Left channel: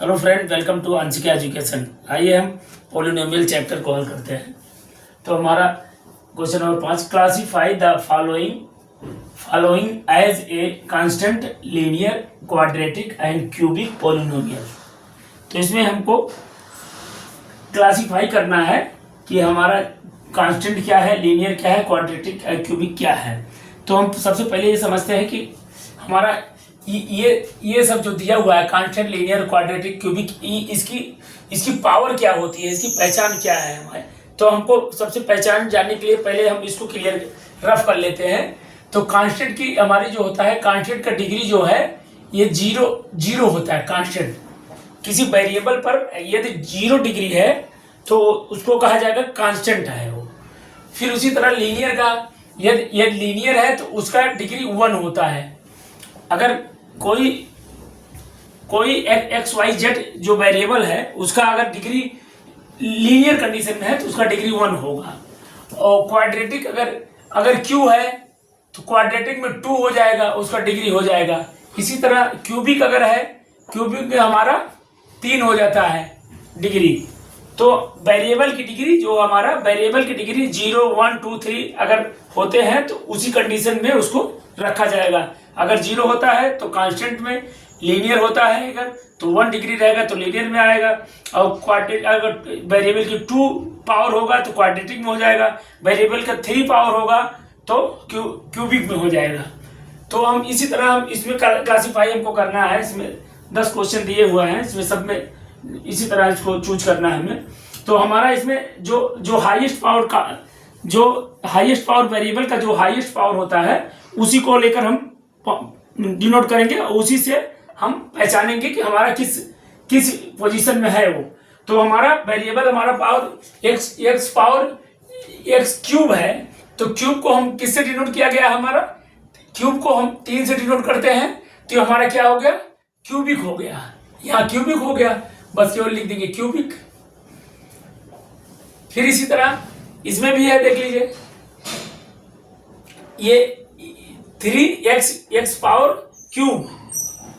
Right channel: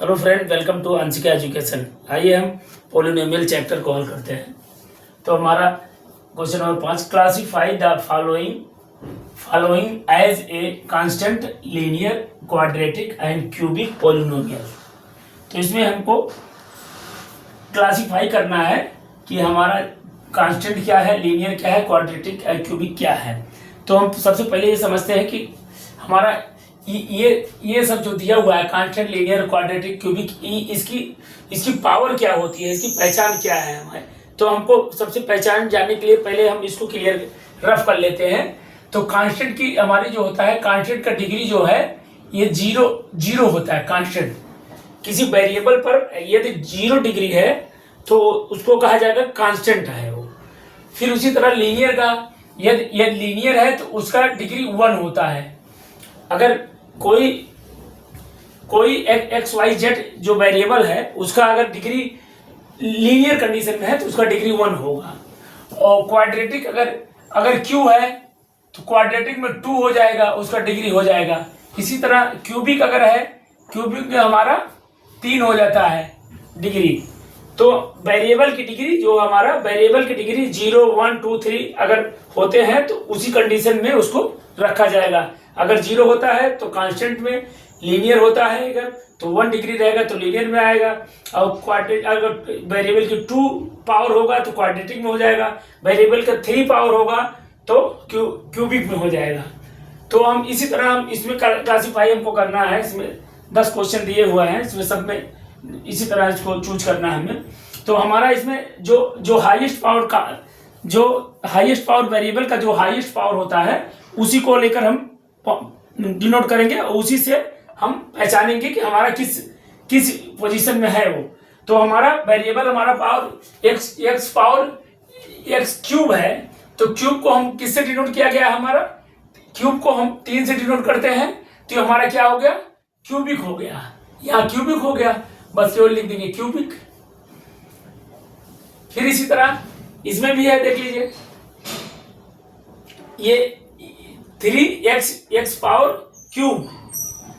Hello friend, welcome to Anshika education. आइए हम polynomial chapter को हल करते हैं। तो हमारा question number 5, classify the following as a constant, linear, quadratic and cubic polynomial. तो इसमें हमको क्लासीफाई करना है कि हमारा कांस्टेंट क्या है, लीनियर क्या है, क्वाड्रेटिक और क्यूबिक क्या है। तो हम सबसे पहले ये समझते हैं कि हमारा ये सब जो दिया हुआ है कांस्टेंट, लीनियर, क्वाड्रेटिक, क्यूबिक, इसकी पावर क्या होती है, इसकी पहचान क्या है हमारे। तो हमको सबसे पहचान जानने के लिए पहले हम इसको क्लियर रफ कर लेते हैं। तो कांस्टेंट की हमारी जो होता है, कांस्टेंट का डिग्री जो है ये जीरो होता है। कांस्टेंट किसी वेरिएबल पर यदि 0 डिग्री है तो उसको कहा जाएगा कांस्टेंट है वो। फिर उसी तरह लीनियर का यदि लीनियर है तो उसका डिग्री 1 होता है। अगर कोई एक्स वाई जेड जो वेरिएबल है उसका अगर डिग्री लीनियर कंडीशन में है तो उसका डिग्री 1 होगा। और क्वाड्रेटिक अगर क्यू है तो क्वाड्रेटिक में 2 हो जाएगा, उसका डिग्री हो जाएगा। इसी तरह क्यूबिक अगर है, क्यूबिक में हमारा 3 हो जाता है डिग्री। तो वेरिएबल की डिग्री जो हमारा वेरिएबल की डिग्री 0, 1, 2, 3 अगर होते हैं तो उसी कंडीशन में उसको रखा जाएगा। अगर 0 होता है तो कांस्टेंट में, लीनियर होता है अगर तो 1 डिग्री रहेगा तो लीनियर में आएगा। और क्वाड्रेटिक अगर वेरिएबल की 2 पावर होगा तो क्वाड्रेटिक में हो जाएगा। वेरिएबल का 3 पावर होगा तो क्यूबिक में हो जाएगा। तो हम इसी तरह हम इसमें क्लासीफाई हमको करना है। इसमें 10 क्वेश्चन दिए हुए हैं, इसमें सब में इसी तरह इसको चूज करना है हमें। तो हमारा इसमें जो हाईएस्ट पावर वेरिएबल का जो हाईएस्ट पावर होता है उसी को लेकर हम डिनोट करेंगे और उसी से हम पहचानेंगे कि हमारा किस पोजीशन में है वो। तो हमारा वेरिएबल हमारा power x power x cube है। तो क्यूब को हम किससे डिनोट किया गया है, हमारा क्यूब को हम 3 से डिनोट करते हैं। तो हमारा क्या हो गया, क्यूबिक हो गया। यहाँ क्यूबिक हो गया, बस केवल लिख देंगे क्यूबिक। फिर इसी तरह इसमें भी है, देख लीजिए ये 3x power cube,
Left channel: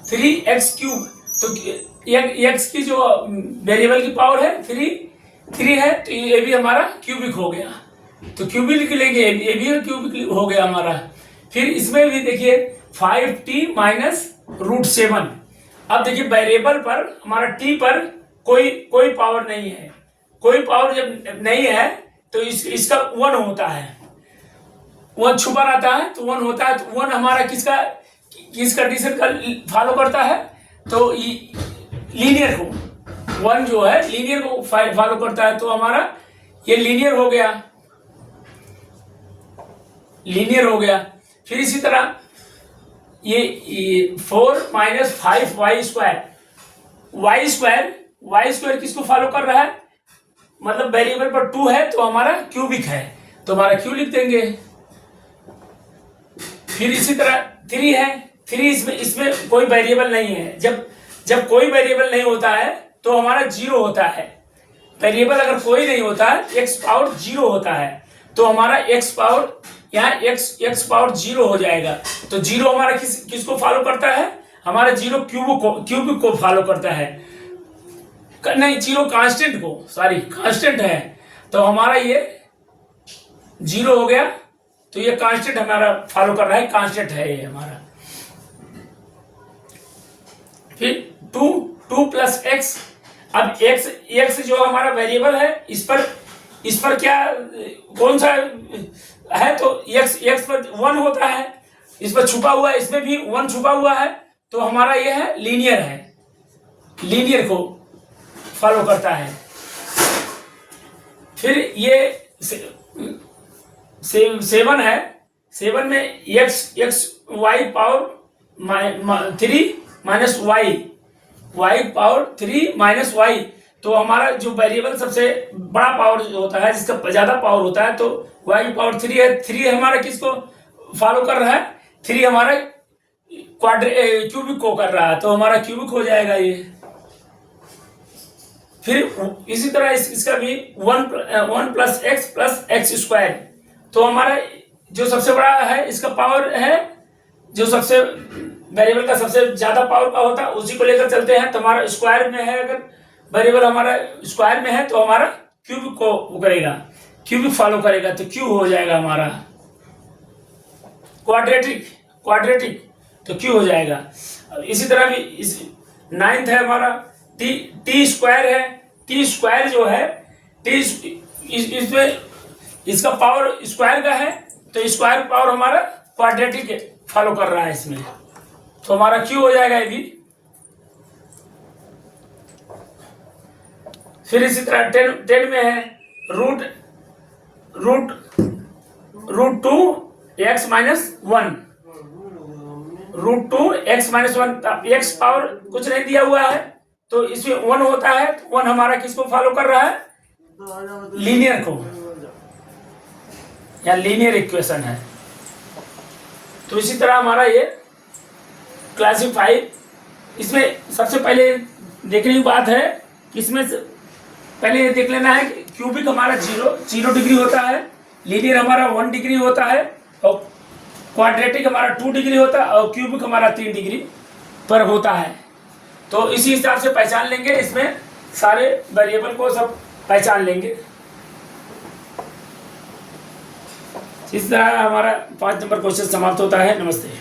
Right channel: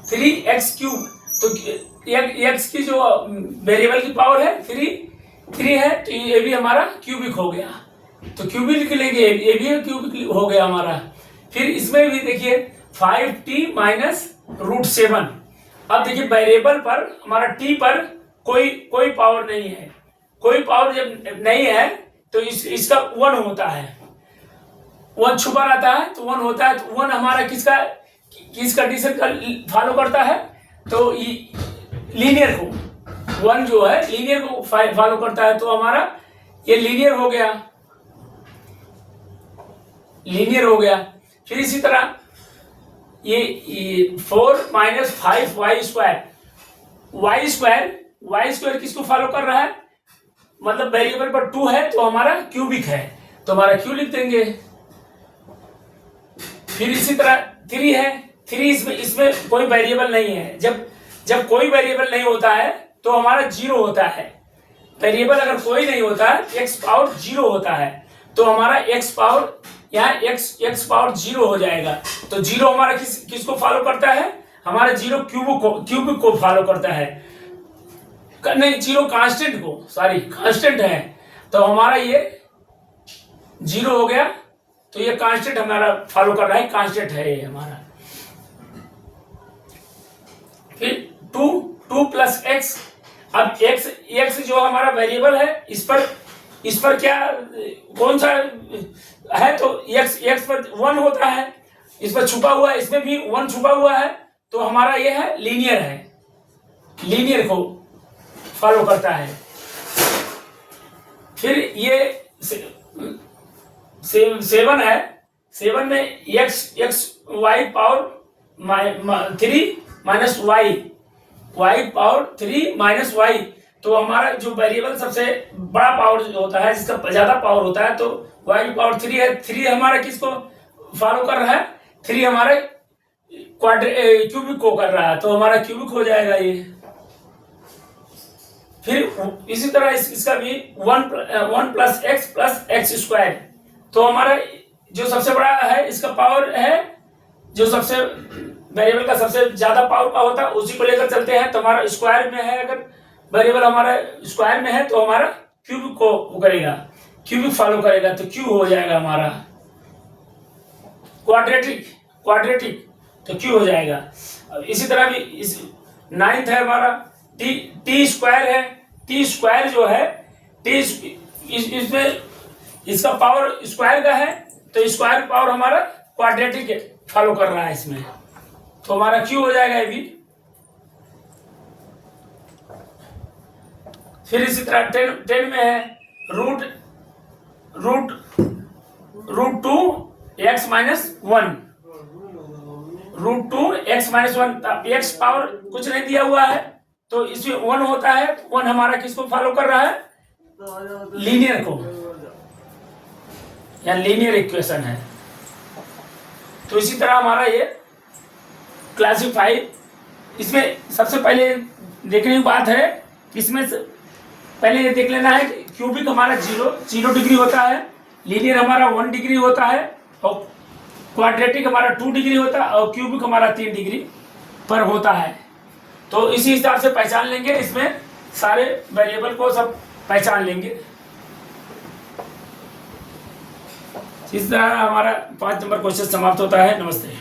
3x cube. तो x की जो वेरिएबल की पावर है 3 है तो ये भी हमारा क्यूबिक हो गया। तो क्यूबिक लिख लेंगे, ये भी क्यूबिक हो गया हमारा। फिर इसमें भी देखिए 5t माइनस √7। अब देखिए वेरिएबल पर हमारा t पर कोई पावर नहीं है। कोई पावर जब नहीं है तो इसका 1 होता है। 1 छुपा रहता है तो 1 होता है। तो 1 हमारा किस कंडीशन का फॉलो करता है, तो लीनियर को 1 जो है लीनियर को फॉलो करता है। तो हमारा ये लीनियर हो गया। फिर इसी तरह ये 4 माइनस 5y²। y² किसको फॉलो कर रहा है, मतलब वेरिएबल पर 2 है तो हमारा क्यूबिक है तो हमारा क्यू लिख देंगे। फिर इसी तरह 3 है, 3 इसमें कोई वेरिएबल नहीं है। जब कोई वेरिएबल नहीं होता है तो हमारा 0 होता है। वेरिएबल अगर कोई नहीं होता है, x पावर 0 होता है तो हमारा x पावर यहाँ x पावर 0 हो जाएगा। तो 0 हमारा किसको फॉलो करता है, हमारा 0 क्यूबिक को फॉलो करता है। नहीं, 0 कांस्टेंट को, सॉरी कांस्टेंट है तो हमारा ये 0 हो गया। तो ये कांस्टेंट हमारा फॉलो कर रहा है, कांस्टेंट है ये हमारा। फिर 2 प्लस x। अब x जो हमारा वेरिएबल है इस पर क्या कौन सा है, तो x पर 1 होता है। इस पर छुपा हुआ है, इसमें भी 1 छुपा हुआ है। तो हमारा ये है लीनियर को फॉलो करता है। फिर ये 7 है, 7 में x y power 3 minus y power 3 minus y। तो हमारा जो वेरिएबल सबसे बड़ा पावर जो होता है, जिसका ज्यादा पावर होता है, तो y पावर 3 है। 3 हमारा किसको फॉलो कर रहा है, 3 हमारा क्यूबिक को कर रहा है तो हमारा क्यूबिक हो जाएगा ये। फिर इसी तरह इसका भी 1 प्लस x प्लस x²। तो हमारा जो सबसे बड़ा है इसका पावर है जो सबसे वेरिएबल का सबसे ज्यादा पावर का होता है उसी को लेकर चलते हैं। तो हमारा स्क्वायर में है, अगर वेरिएबल हमारा स्क्वायर में है तो हमारा क्यूब को वो करेगा, क्यूब फॉलो करेगा, तो क्यू हो जाएगा हमारा। क्वाड्रेटिक तो क्यू हो जाएगा। इसी तरह भी इस 9th है हमारा टी स्क्वायर है। टी स्क्वायर जो है इसमें इसका पावर स्क्वायर का है, तो स्क्वायर पावर हमारा क्वाड्रेटिक फॉलो कर रहा है इसमें, तो हमारा क्यू हो जाएगा ये भी। फिर इसी तरह 10 में है root 2x-1, root 2x-1, x power कुछ नहीं दिया हुआ है तो इसमें 1 होता है। 1 हमारा किसको फॉलो कर रहा है? लीनियर को, या लीनियर इक्वेशन है। तो इसी तरह हमारा ये क्लासिफाई, इसमें सबसे पहले देखने की बात है, इसमें पहले ये देख लेना है कि क्यूबिक हमारा 0 डिग्री होता है, लीनियर हमारा 1 डिग्री होता है, और क्वाड्रेटिक हमारा 2 डिग्री होता है, और क्यूबिक हमारा 3 डिग्री पर होता है। तो इसी हिसाब से पहचान लेंगे, इसमें सारे वेरिएबल को सब पहचान लेंगे। इस तरह हमारा 5 नंबर क्वेश्चन समाप्त होता है। नमस्ते।